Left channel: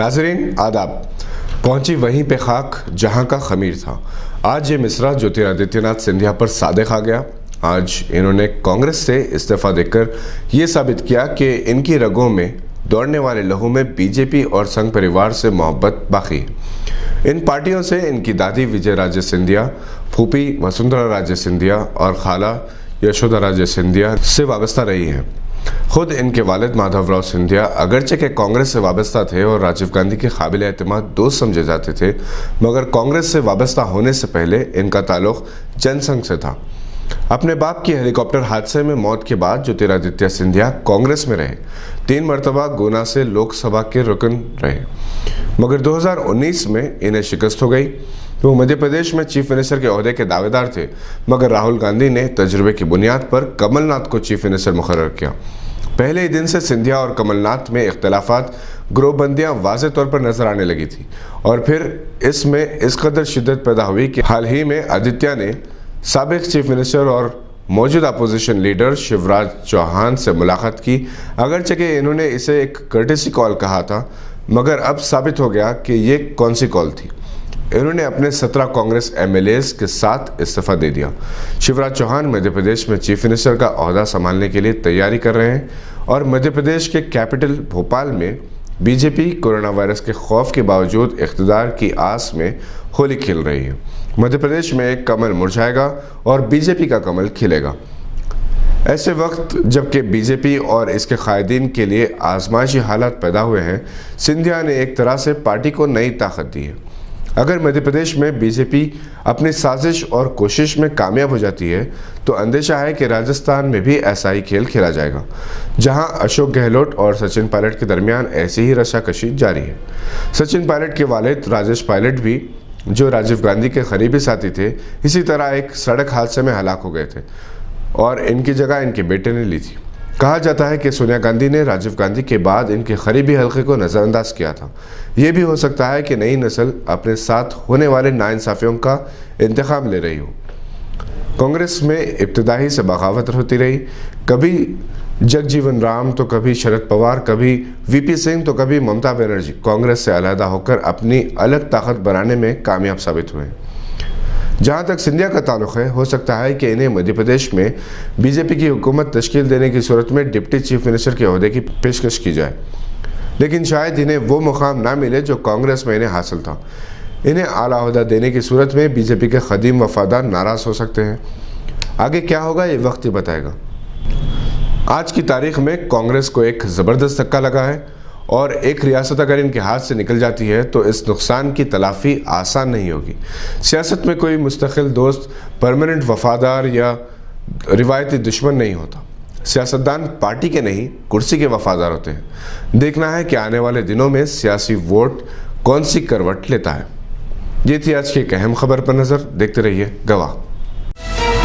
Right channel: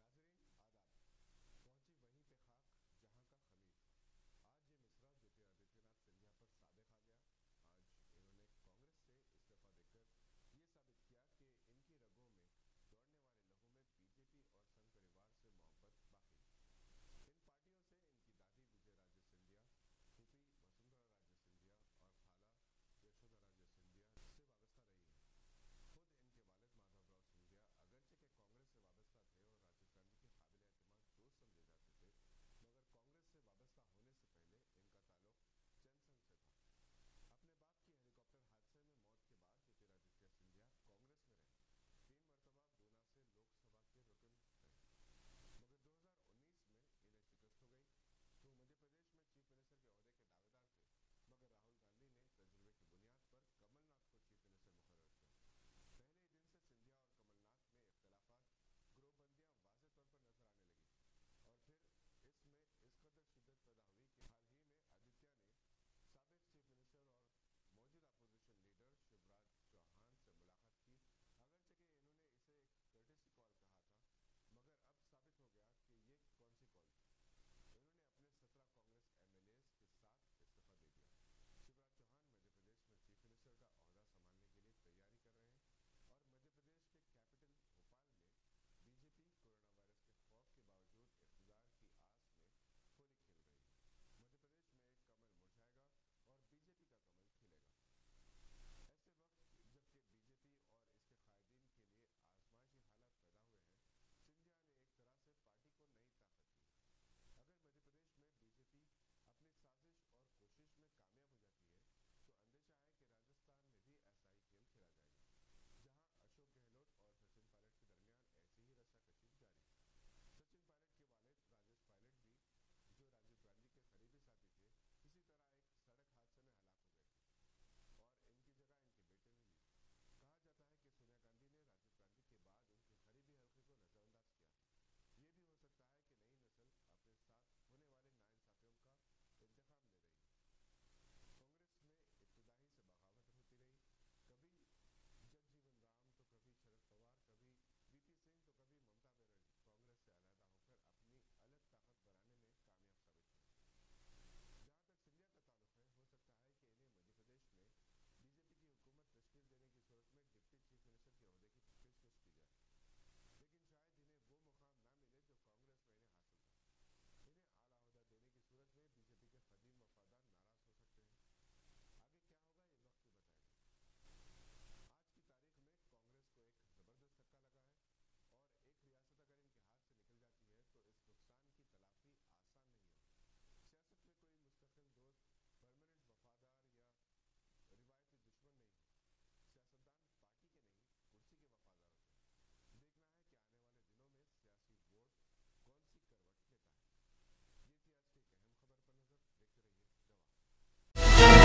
नाज़रीन आदाब। पहुंची वहीं पे खाक जहां का खमीर था। आज ये मिसरा ज्योतिरादित्यनाथ सिंधिया पर सादिक आ गया। आज इन्होंने कांग्रेस से इस्तीफा देकर ये साबित किया कि इनकी रगों में दौड़ने वाले लहू में बीजेपी और संघ परिवार से मोहब्बत बाकी है। इन पार्टियों से इनकी दादी विजय राजे सिंधिया, फूफी वसुंधरा राजे सिंधिया और खाला यशोदा राजे सिंधिया से वाबस्ता रही हैं। खुद इनके वालिद माधवराव सिंधिया अगरचे के कांग्रेस से वाबस्ता थे और राजीव गांधी के काबिल एतमाद दोस्त समझे जाते थे, मगर कांग्रेस से वाबस्ता होने से पहले इनका ताल्लुक जनसंघ से था। अपने बाप की हेलीकॉप्टर हादसे में मौत के बाद ज्योतिरादित्य सिंधिया कांग्रेस में रहे। 3 मरतबा गुना से लोकसभा के रुकन रहे, मगर 2019 में इन्हें शिकस्त हो गई। वो मध्य प्रदेश में चीफ मिनिस्टर के ओहदे के दावेदार थे, मगर राहुल गांधी ने तजुर्बे की बुनियाद पर कमलनाथ को चीफ मिनिस्टर मुकर्रर किया। पहले ही दिन से सिंधिया और कमलनाथ में इख्तलाफात, ग्रोहबंदियां वाज़ेह तौर पर नजर आने लगी थी और फिर इसमें इस कदर शिद्दत पैदा हुई कि हाल ही में आदित्य ने साबिक चीफ मिनिस्टर और मौजूदा अपोजिशन लीडर शिवराज चौहान से मुलाकात की। अगरचे कि इन्होंने इसे एक कर्टेसी कॉल कहा था, मगर अब साबित हो गया कि ये कौन सी कॉल थी। इन्होंने अपने 17 कांग्रेस एमएलएज के साथ इस्तीफा दे दिया। शिवराज चौहान मध्य प्रदेश में चीफ मिनिस्टर का ओहदा संभालने के लिए तैयारी कर रहे हैं और मध्य प्रदेश के कैपिटल भोपाल में बीजेपी कोरोना वायरस के खौफ के बावजूद इख्तिदार की आस में होली खेल रही है। मध्य प्रदेश में एक कमल मुरझाएगा और बीजेपी का कमल खिलेगा। ऐसे वक्त जबकि बीजेपी और इसके कायदीन के लिए आजमाइशी हालात पैदा हुए हैं, सिंधिया ने एक तरह से पार्टी को नई ताकत दी है। अगर मध्य प्रदेश में बीजेपी अपनी साजिश और कोशिश में कामयाब हो जाती है तो अंदेशा है कि राजस्थान में भी ऐसा ही खेल खेला जाएगा, जहां अशोक गहलोत और सचिन पायलट के दरमियान ऐसी ही रस्साकशी जारी है। सचिन पायलट के वालिद राजेश पायलट भी, जो राजीव गांधी के करीबी साथी थे, इसी तरह एक सड़क हादसे में हलाक हो गए थे और इनकी जगह इनके बेटे ने ली थी। कहा जाता है कि सोनिया गांधी ने राजीव गांधी के बाद इनके करीबी हल्के को नज़रअंदाज किया था। ये भी हो सकता है कि नई नस्ल अपने साथ होने वाले नाइंसाफियों का इंतखाब ले रही हो। कांग्रेस में इब्तदाई से बगावत होती रही, कभी जगजीवन राम तो कभी शरद पवार, कभी वीपी सिंह तो कभी ममता बनर्जी कांग्रेस से अलहदा होकर अपनी अलग ताकत बनाने में कामयाब साबित हुए। जहाँ तक सिंधिया का ताल्लुक है, हो सकता है कि इन्हें मध्य प्रदेश में बीजेपी की हुकूमत तश्कील देने की सूरत में डिप्टी चीफ मिनिस्टर के ओहदे की पेशकश की जाए, लेकिन शायद इन्हें वो मुकाम ना मिले जो कांग्रेस में इन्हें हासिल था। इन्हें आला ओहदा देने की सूरत में बीजेपी के कदीम वफादार नाराज़ हो सकते हैं। आगे क्या होगा ये वक्त ही बताएगा। आज की तारीख में कांग्रेस को एक ज़बरदस्त धक्का लगा है और एक रियासत अगर इनके हाथ से निकल जाती है तो इस नुकसान की तलाफ़ी आसान नहीं होगी। सियासत में कोई मुस्तकिल दोस्त, परमानेंट वफादार या रिवायती दुश्मन नहीं होता। सियासतदान पार्टी के नहीं, कुर्सी के वफादार होते हैं। देखना है कि आने वाले दिनों में सियासी वोट कौन सी करवट लेता है। ये थी आज की एक अहम खबर पर नज़र। देखते रहिए गवाह।